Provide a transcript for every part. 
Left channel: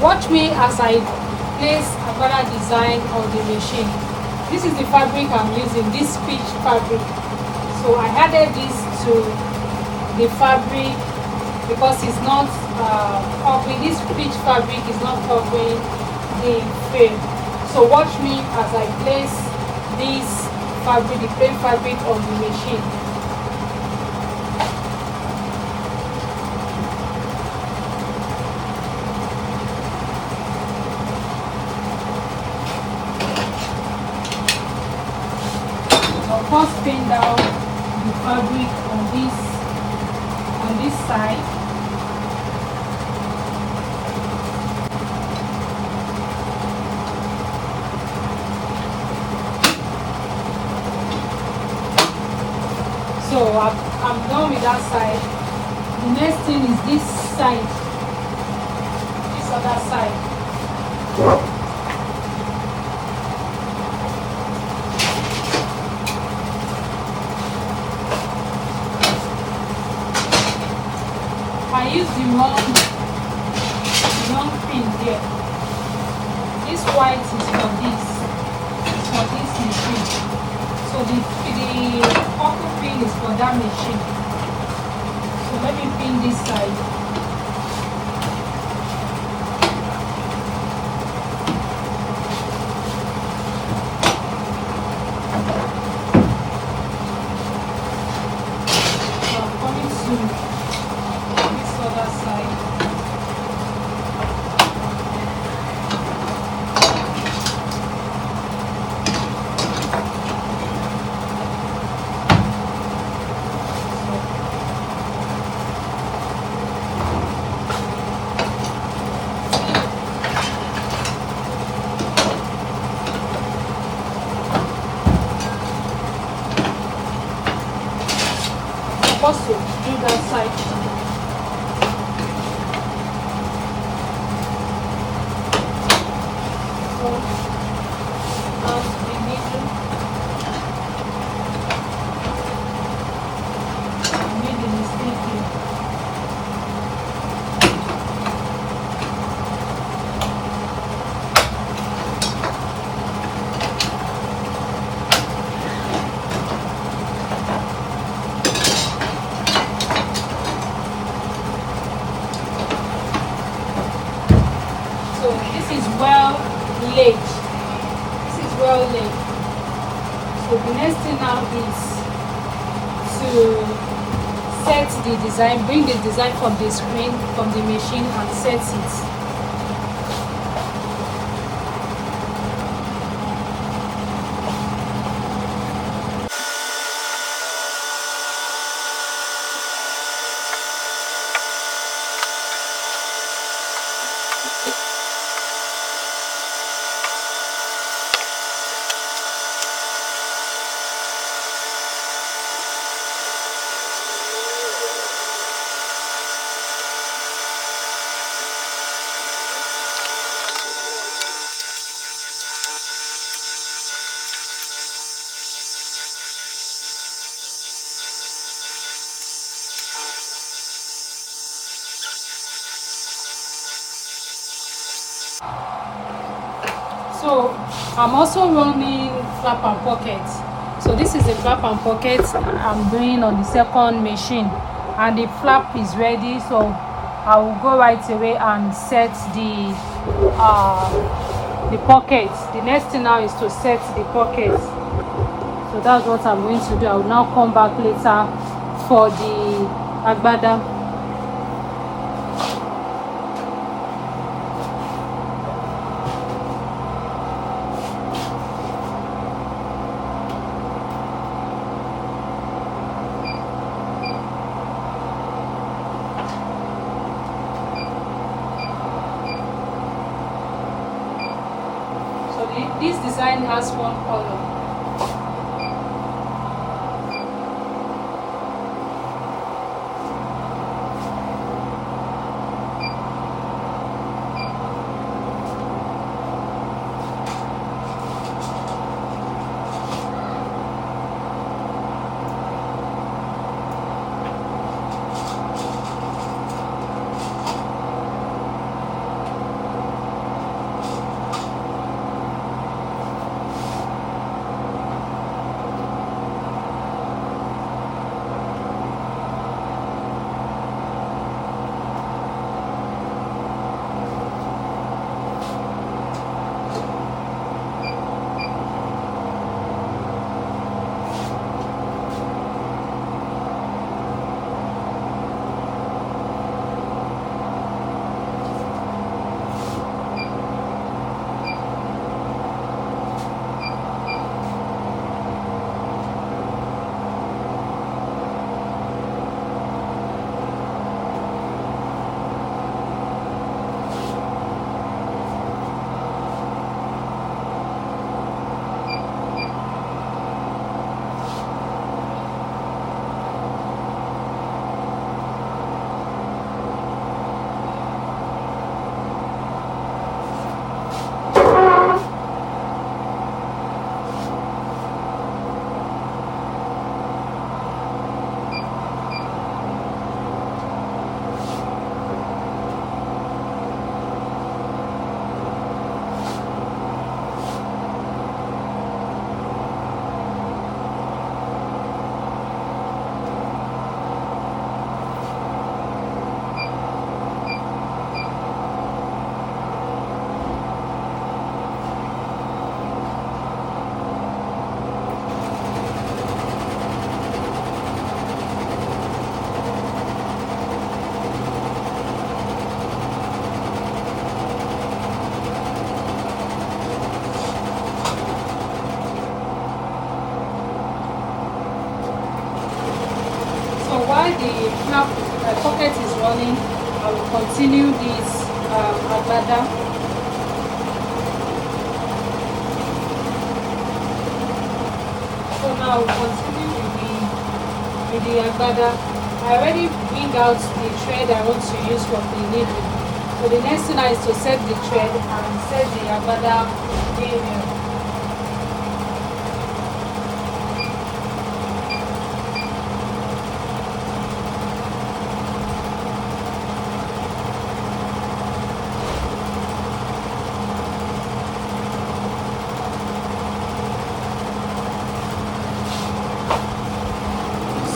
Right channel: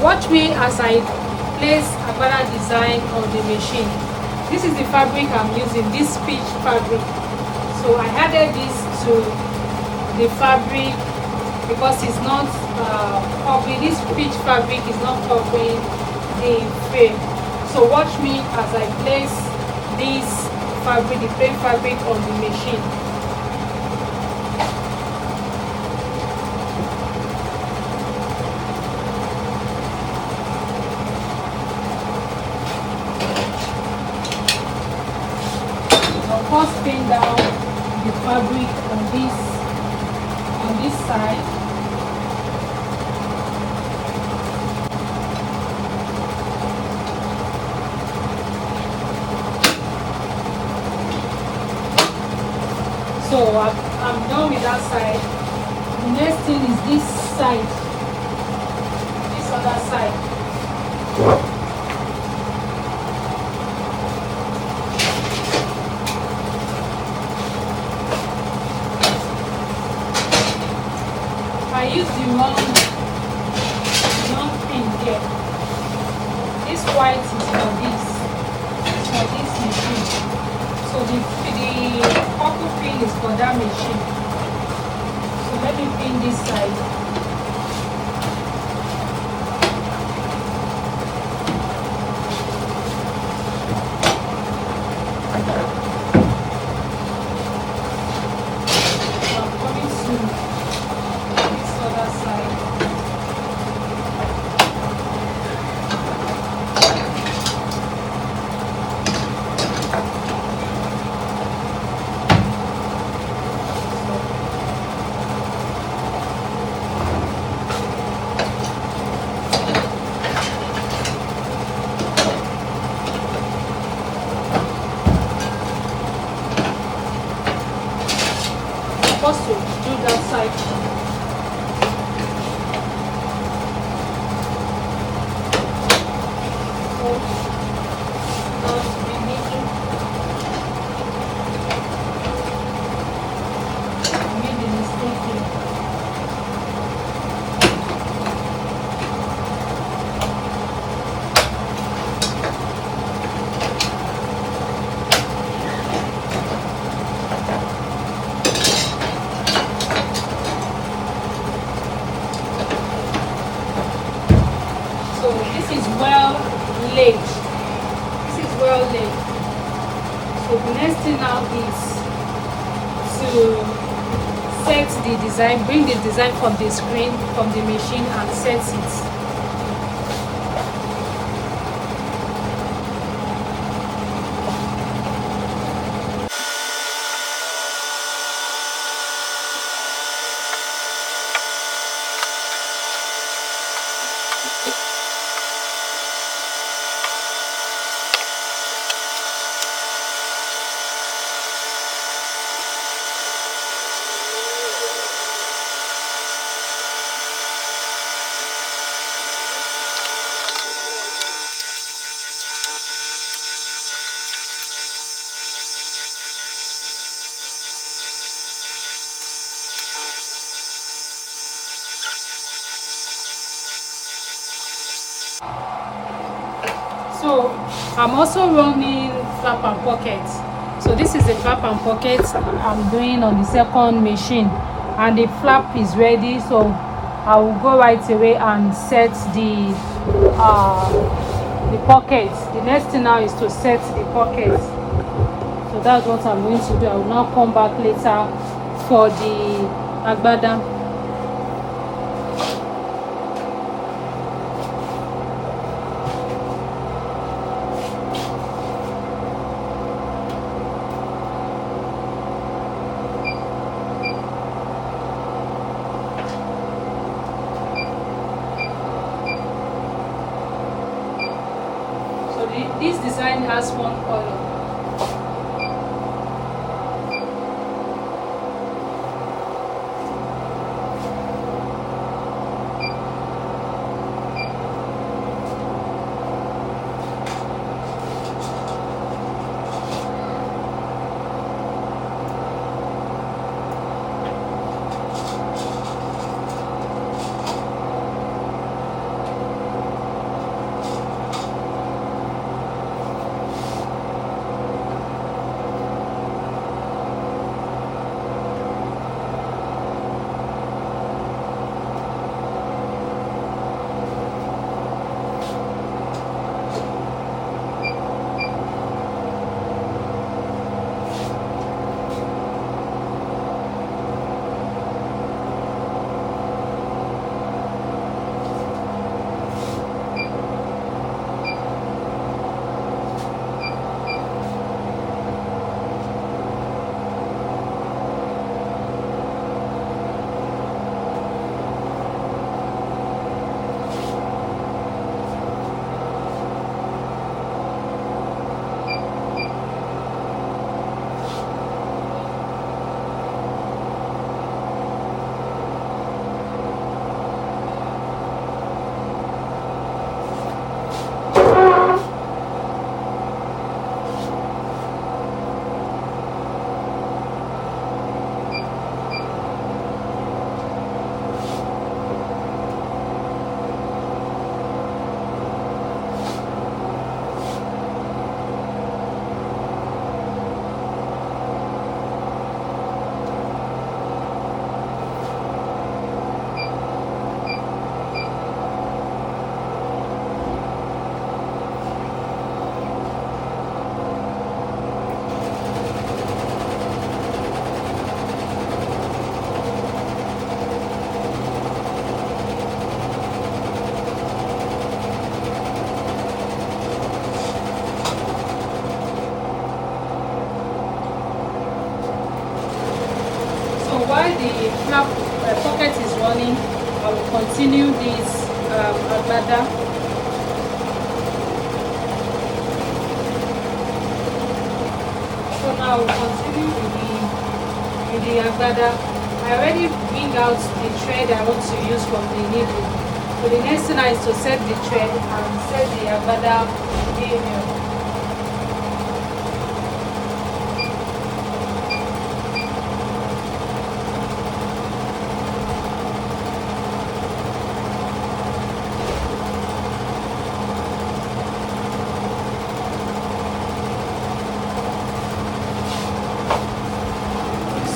Watch me as I place Agbada design on the machine. This is the fabric I'm using, this peach fabric. So I added this to the fabric because it's not covering, this peach fabric is not covering the frame. So watch me as I place this fabric, the plain fabric on the machine. First pin down the fabric on this side. So I'm done with that side. The next thing is this side, this other side. I use the one pin here. This white is for this machine. So the purple pin is for that machine. So let me pin this side. I'm coming soon. First, do that side. So, that's the middle. I made the mistake here. So this is well laid. This is well laid. So the next thing now is to set the design, bring the design from the screen, from the machine, and set it. So I'm also running flap and pocket. So this is the flap and pocket I'm doing on the second machine, and the flap is ready. So I will go right away and set the pocket. The next thing now is to set the pocket. So that's what I'm going to do. I will now come back later for the Agbada. So this design has one color. my pocket is running, I will continue this agbada. So now I will continue with the agbada. I already bring out the thread I want to use from the needle. So the next thing is to set the thread and set the agbada area.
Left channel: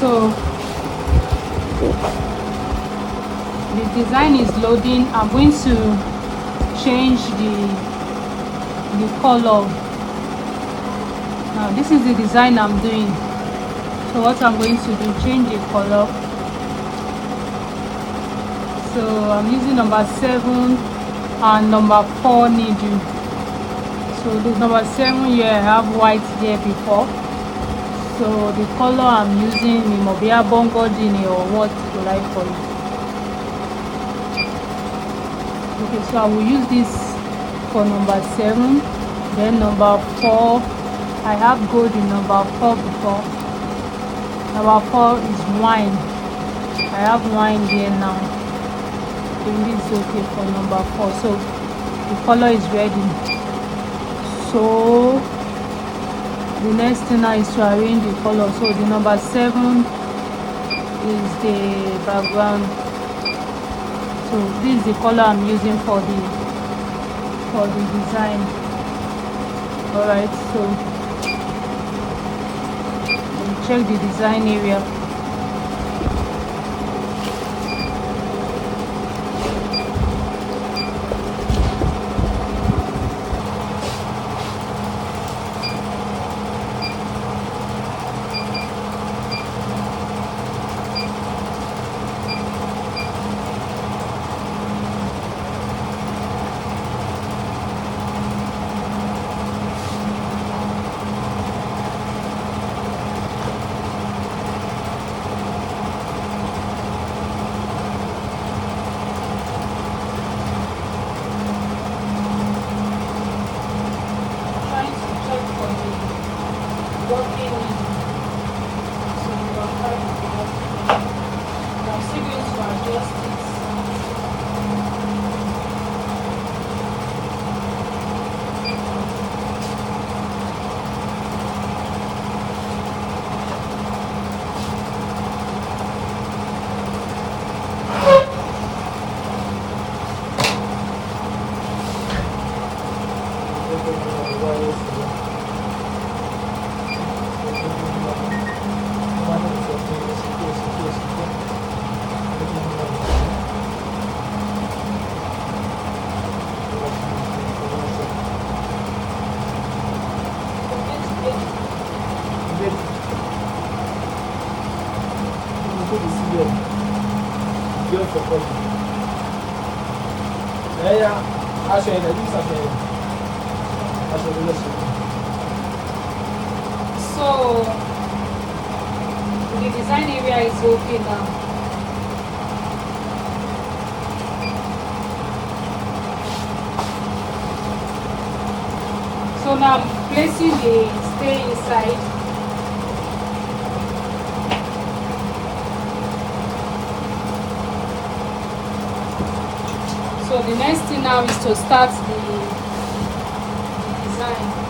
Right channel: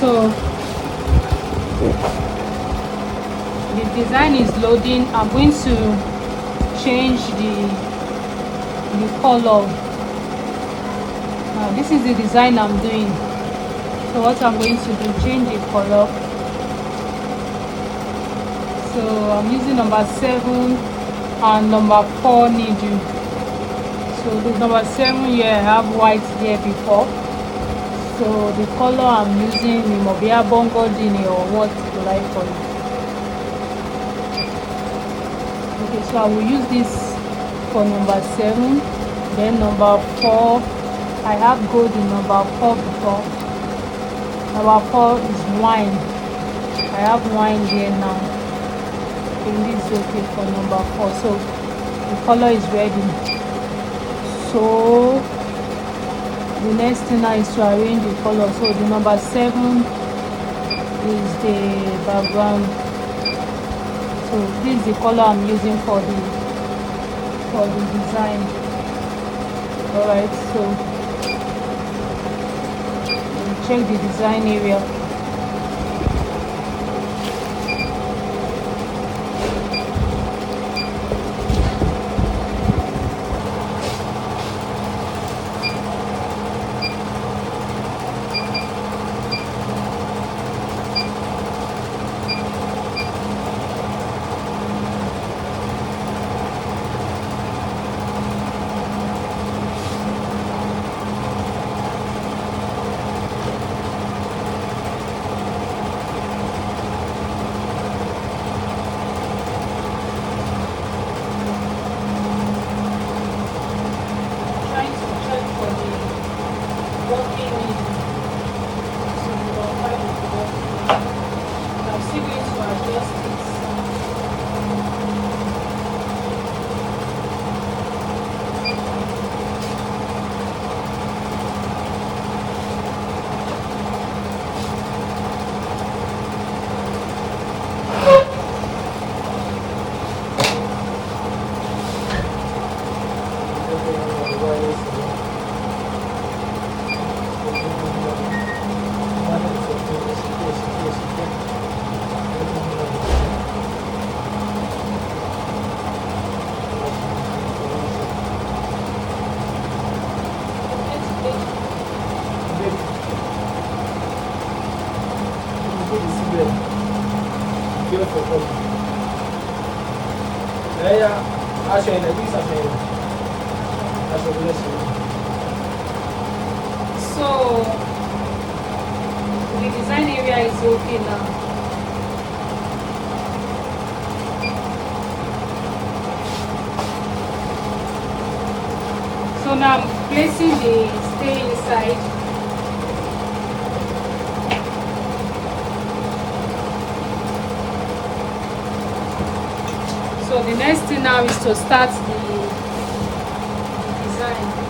So the design is loading. I'm going to change the color. Now this is the design I'm doing. So what I'm going to do, change the color. So I'm using number 7 and number 4 needle. So this number 7 here, I have white here before. So the color I'm using is Mobia Bongo Dini, or what you like for it. Okay, so I will use this for number 7. Then number 4, I have gold in number 4 before. Number 4 is wine. I have wine here now. So this is okay for number 4. So the color is ready. So the next thing now is to arrange the color. So the number 7 is the background. So this is the color I'm using for the design. Alright, so we'll check the design area. So the design area is okay now. So now I'm placing the stay inside. So the next thing now is to start the design.